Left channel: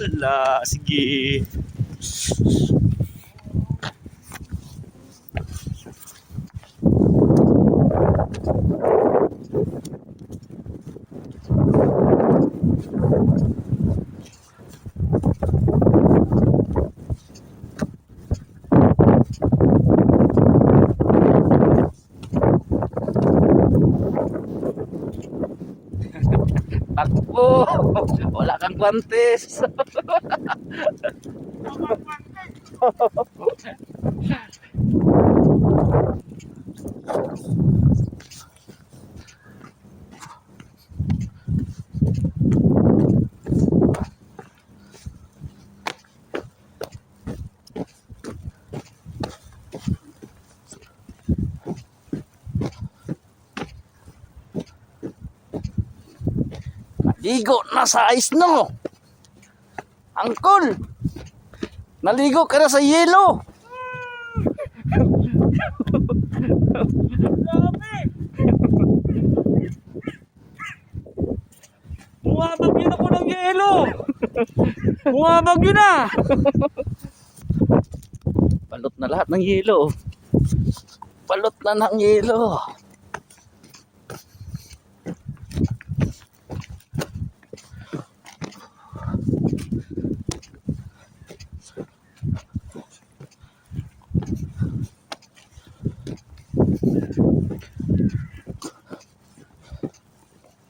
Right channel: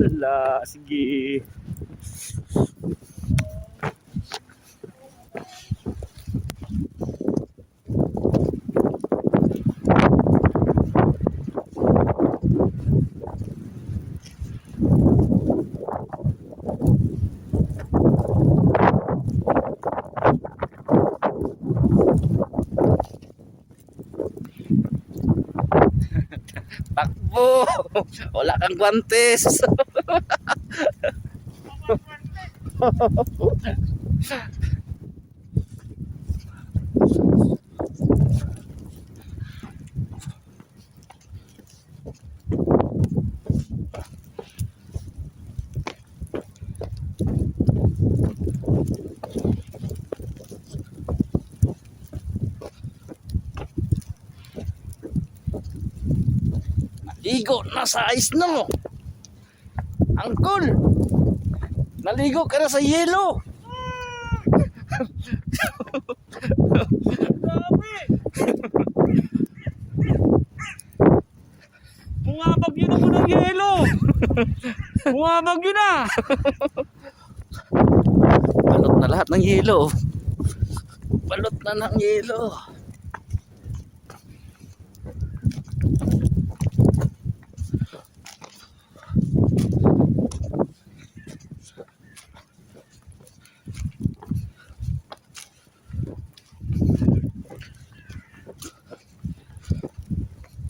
Wala, sige. Takbo! Wala kang guantes. Naligo na sa ice no. Angkol, naligo ka na sa yelo. Grabe! Bumabag yun ako ng yelo! Bumabag yun na! Balot na lahat ng yelo. Balot na ng yelo.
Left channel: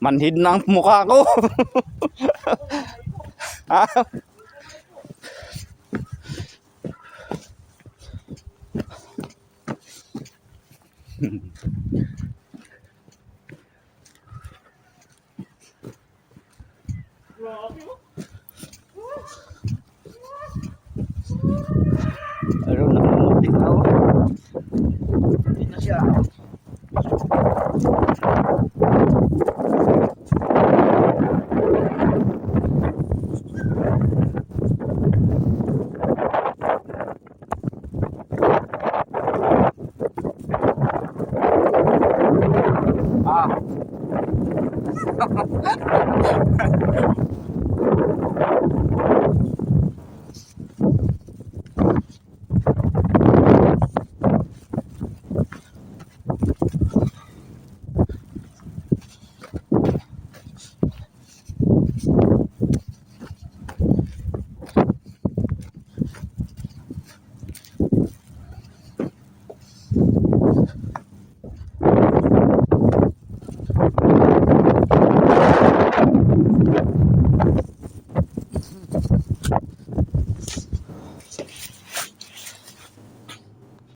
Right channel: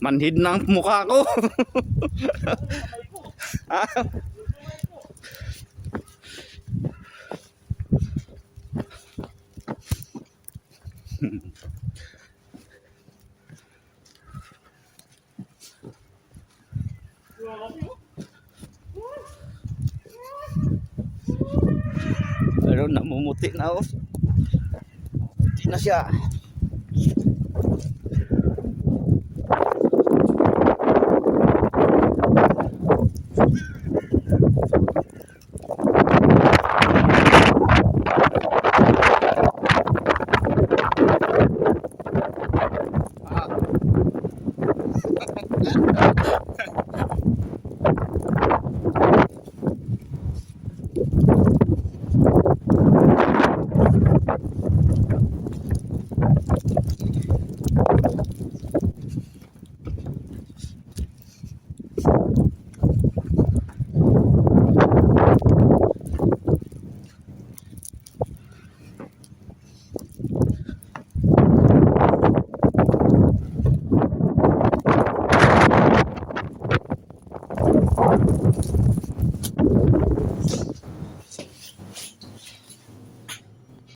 Manhid na ang mukha ko. Ha? Pero namumuti na oh. Hindi na siya.